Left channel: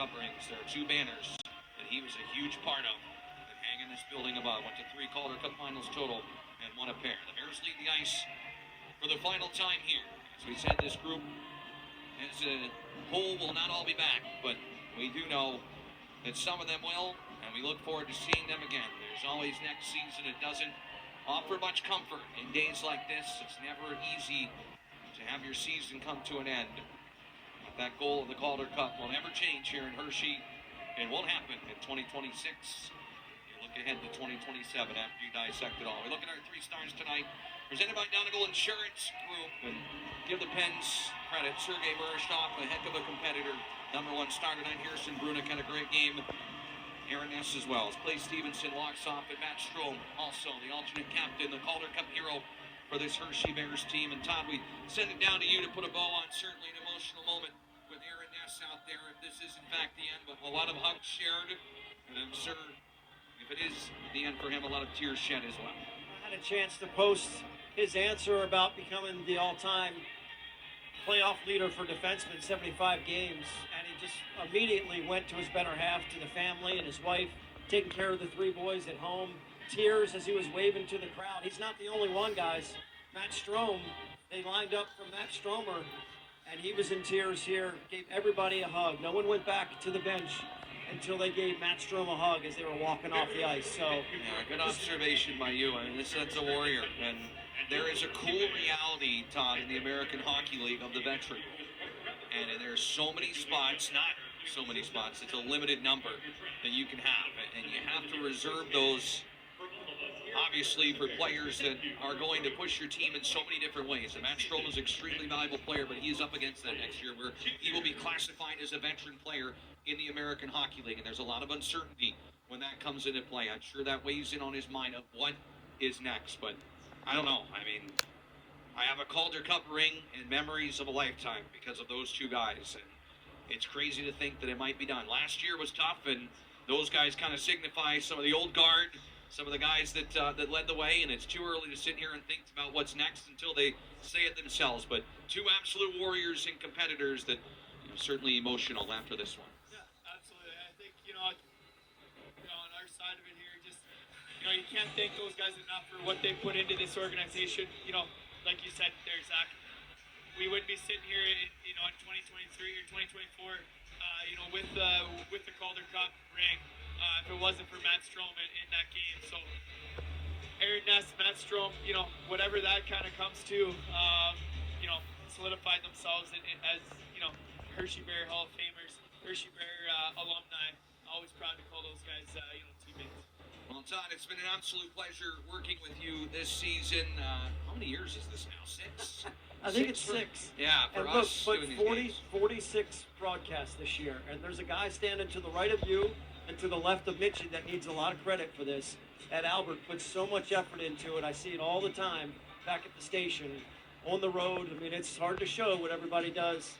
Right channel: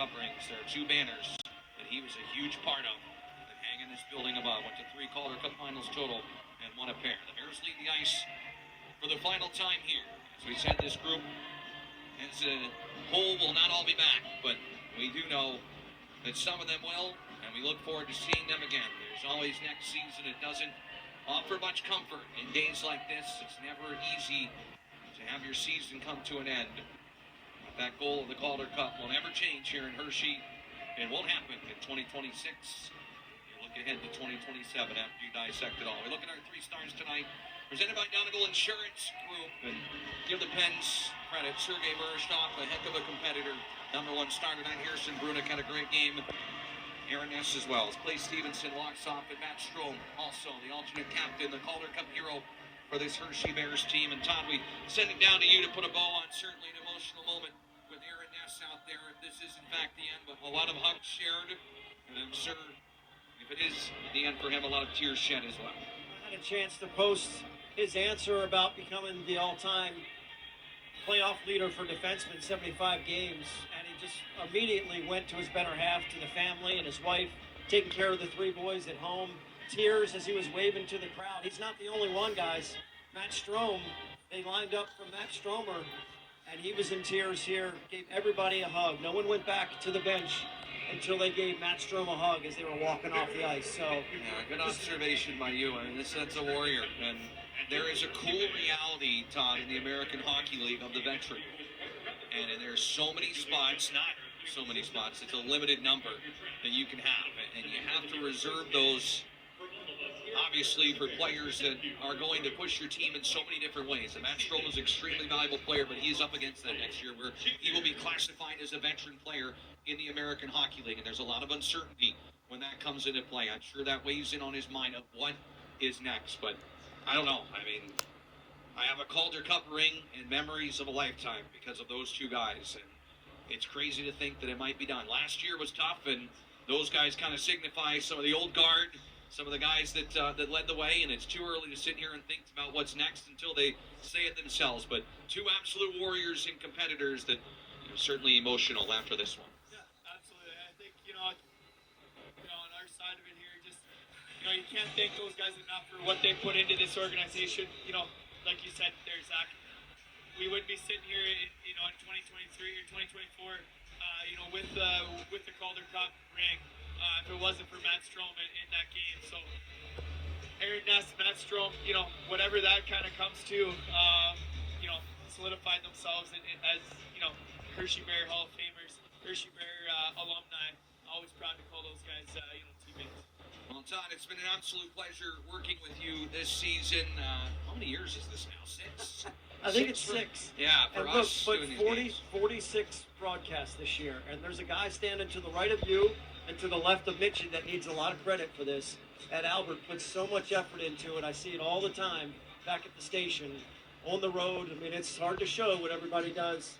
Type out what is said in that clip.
Cup rings. There are 2 banners that he was a huge part of that hang in this building above. Went to 3 Calder Cup finals total and won a pair. The Bears lead the ice for the final time here. As we said, this group as a whole will not all be back, but we do know that some of them will, and we look forward to seeing them again. There's always next season. It doesn't offer much comfort in days like this. It's never easy to have your season come to an end. But that goal of the Calder Cup will never change here in Hershey. It won't happen in 2026. You look ahead to 2027 after you dissect it all. We look at our 3 stars tonight, presented by Donegal Insurance Group, and give the Pens credit. Sergei Marshkov, a heck of a competitor. Number 1 star tonight. Harrison Brunik had a great game. Aaron Ness as well. As Clay Stevenson walks off, and Matt Strom, also the alternate captain, the Calder Cup hero for this Hershey Bears team. And Todd, we send it down to you to put a bow on certainly an emotional moment with Aaron Ness out there. If this is in fact the end, but a lot of hugs shared, and I'm sure if it is the end for him, a lot of tears shed as well. I had a chance to post his answer about becoming the all-time playoff leader for defensemen, 75 games, and he just immediately went to his better half, to the family and his wife, taking care of the 3 boys at home. Tears as he was waving to the crowd. He's not the only one, guys. Matt Strom, they lined up for Matt Stromer, and he was in tears here, gave everybody a hug. No one went back to the bench until they gave Matt Strom a hug as they were walking off the ice. So, yeah, good observation by you. I mean, this is a warrior, and there is a cool reality, Todd, in the American Hockey League of the veteran. And there's so many spots, not so many spots, it's a limited number that you can have. And you have to reserve those, obviously, for players that are going to push your team in so many different ways. And Matt Strom is an extremely valuable player, but he's up against that next year where he will be classified as a veteran player in the American Hockey League. And there's a lot of uncertainty when that comes into play. I'm sure that weighs in on his mind of what is next. But I don't know. I mean, I have a Calder Cup ring and memories of a lifetime because of those 2 guys. And it's crazy to think that it might be done. Last year was tough, and those guys kind of signify some of the old guard, some of the guys that led the way, and it's too early to sit here and think about what's next until they say it themselves. But 2 absolute warriors and competitors that are certainly emotional after this one. Yeah, absolutely. I think, on our side of it here, just, you can't thank those guys enough for what they put into this organization. Like you said there, Zach, we wouldn't be sitting here in 2023 or 2024, with the Calder Cup ring if it wasn't for Matt Strom in that game. So Aaron Ness, Matt Strom, whatever that kind of comes to, solidified themselves as Hershey Bear Hall of Famers, Hershey Bear alumni. Always proud to call those guys teammates. Well, Todd, it's been an absolute pleasure working with you this season. How many years is this now? 6? I think it's 6. Yeah, for and look, us. but 46 broadcasts this year, and there's a guy standing to the right of you and to the left of Mitchie that needs a lot of credit for this. Ed Albert puts so much effort into it. I see it all the time back at the station, on the road. I mean, it's hard to show what everybody does